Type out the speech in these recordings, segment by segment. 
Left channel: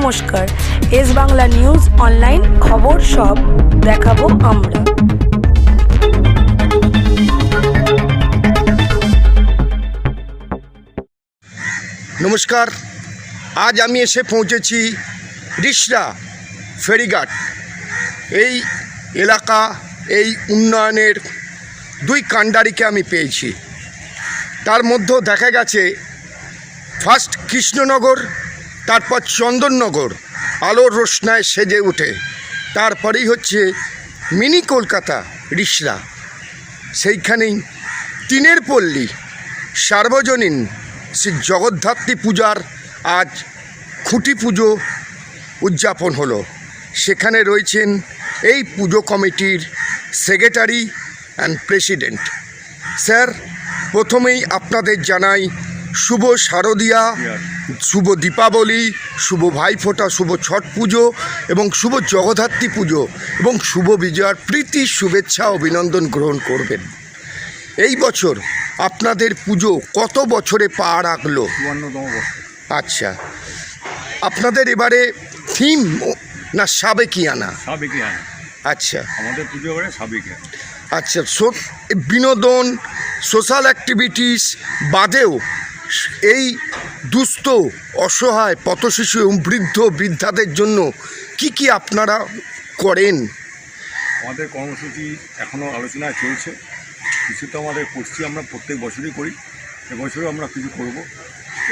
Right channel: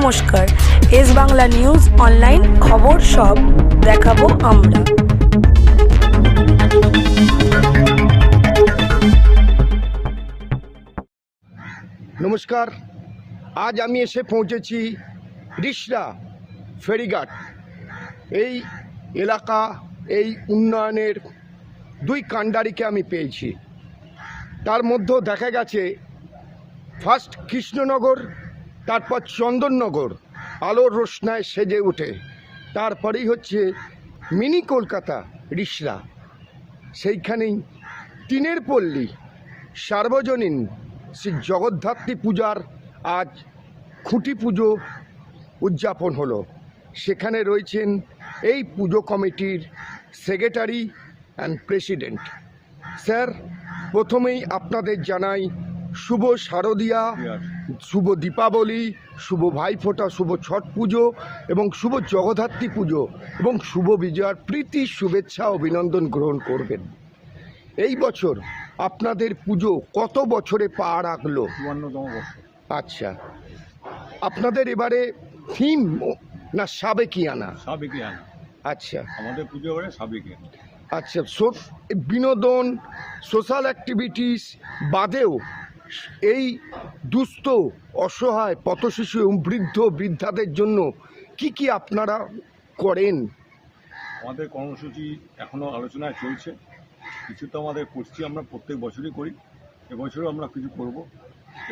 নমস্কার। S Bangla news online খবর সব দেখাবো আমরা। নমস্কার। আজ আমি এসে পৌঁছেছি রিসরা ফেরিঘাট। এই এলাকা, এই উন্নয়নের দুই কাণ্ডারিকে আমি পেয়েছি। তার মধ্যেও দেখা গেছে ফার্স্ট কৃষ্ণনগর তারপর চন্দননগর, আলোর রোশনায় সেজে ওঠে তারপরেই হচ্ছে মিনি কলকাতা, রিসরা। সেইখানেই তিনের পল্লী, সার্বজনীন শ্রী জগদ্ধাত্রী পূজার আজ খুঁটি পুজো উদযাপন হলো। সেখানে রয়েছেন এই পুজো কমিটির সেক্রেটারি অ্যান্ড প্রেসিডেন্ট। স্যার, প্রথমেই আপনাদের জানাই শুভ শারদিয়া শুভ দীপাবলি শুভ ভাইফোঁটা শুভ ছট পুজো এবং শুভ জগদ্ধাত্রী পুজো এবং শুভ বিজয়ার প্রীতি শুভেচ্ছা অভিনন্দন গ্রহণ করবেন। এই বছর আপনাদের পুজো কত বছরে পা রাখল? আচ্ছা আপনাদের এবারে থিম না সাবেকিয়ানা আচ্ছা। আমাদের পুজো আচ্ছা বিনোদন সোশ্যাল অ্যাক্টিভিটিস বাদেও এই দুস্থ, অসহায়, পথশিশু এবং বৃদ্ধ বৃদ্ধাদের জন্য কি কি আপনারা করেন? আমাদের কর্মসূচি এখনও আলোচনায় চলছে। কিছু তো আমাদের করছি, আমরা প্রত্যেক বছরই করি। এবছরও আমরা কিছু করব।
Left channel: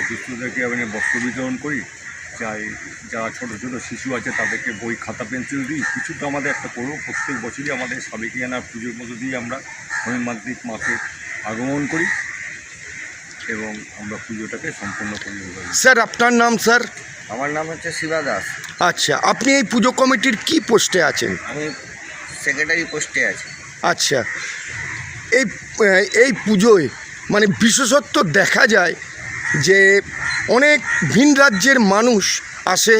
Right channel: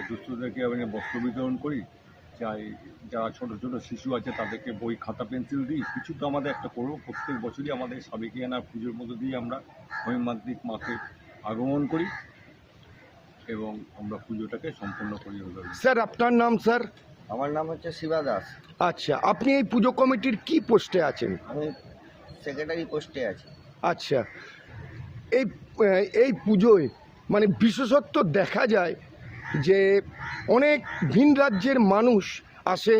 দুস্থদেরকে আমি বস্ত্র বিতরণ করি। চাই যারা ছোট ছোট শিশু আছে, তাদেরকে বই, খাতা, পেন্সিল দিই। কিছু তো আমাদের একটা করব। প্রত্যেক বছরই আমাদের সাবেকিয়ানা পুজোর মধ্যে দিয়ে আমরা হৈমান্তিক মাকে আগমন করি। এবং আমরা পুজোটাকে সম্পূর্ণ করি স্যার আপনার নাম স্যার? আমার নাম হচ্ছে শিবা দাস। আচ্ছা আপনি এই পুজো কমিটির কি পোস্টে আছেন? আমি সেক্রেটারি পোস্টে আছি। আচ্ছা এই এই পুজোয় মানে বিশেষত্ব দেখা যায় যে অনেক ভিন রাজ্যের মানুষ আসে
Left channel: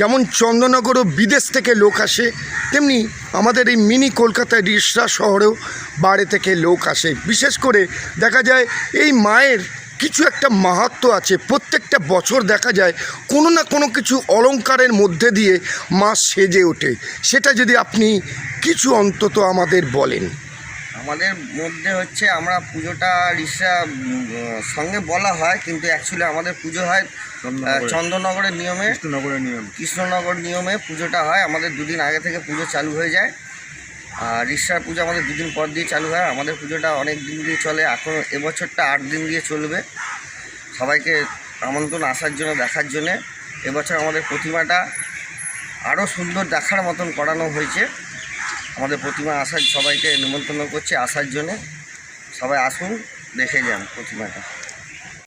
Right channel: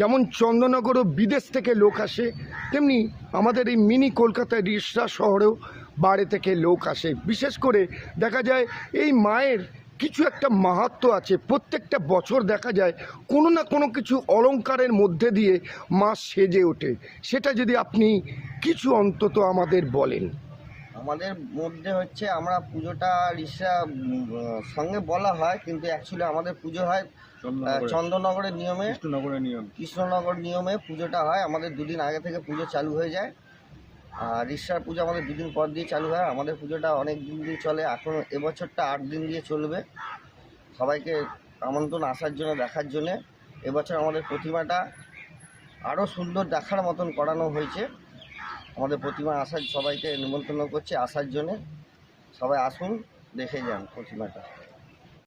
যেমন চন্দননগরও বিদেশ থেকে লোক আসে, তেমনি আমাদের এই মিনি কলকাতায় রিসরা শহরেও বাইরে থেকে লোক আসে। বিশেষ করে দেখা যায় এই মায়ের কিছু একটা মাহাত্ম আছে। প্রত্যেকটা বছর দেখা যায় কোনো না কোনো কিছু অলংকারের মধ্যে দিয়ে মা সেজে ওঠে। সেটা যদি আপনি কিছু অন্তত আমাদের বলেন। আমাদের মধ্যে হচ্ছে আমরা পুজোটা রিসা সঙ্গে বলা হয় কিন্তু অ্যাকচুয়ালি আমাদের পুজো হয় চন্দ্রনগরের নিয়মে। কৃষ্ণনগরের নিয়ম। কৃষ্ণনগর নিয়মে পুজোটা হয় আমাদের দুদিন আগে থেকে পুজো চালু হয়ে যায়। আর রিসার পুজো আমাদের দুদিন পর দিয়ে চালু হয় আমাদের পুজোটা অনেক দিন দিয়ে চলে এখন এবছরটা আট দিন দিয়ে চলবে। সবাইকে আমন্ত্রণ আসার জন্য দেখার জন্যে। এবছর আমাদের প্রতিমাটা আরও সুন্দর দেখার মতন করানো হয়েছে। আমাদের প্রতিমা আসার সবাইকে নিমন্ত্রণ করছি আসার জন্য। সবাই আসুন দেখে যান প্রতিমাটা।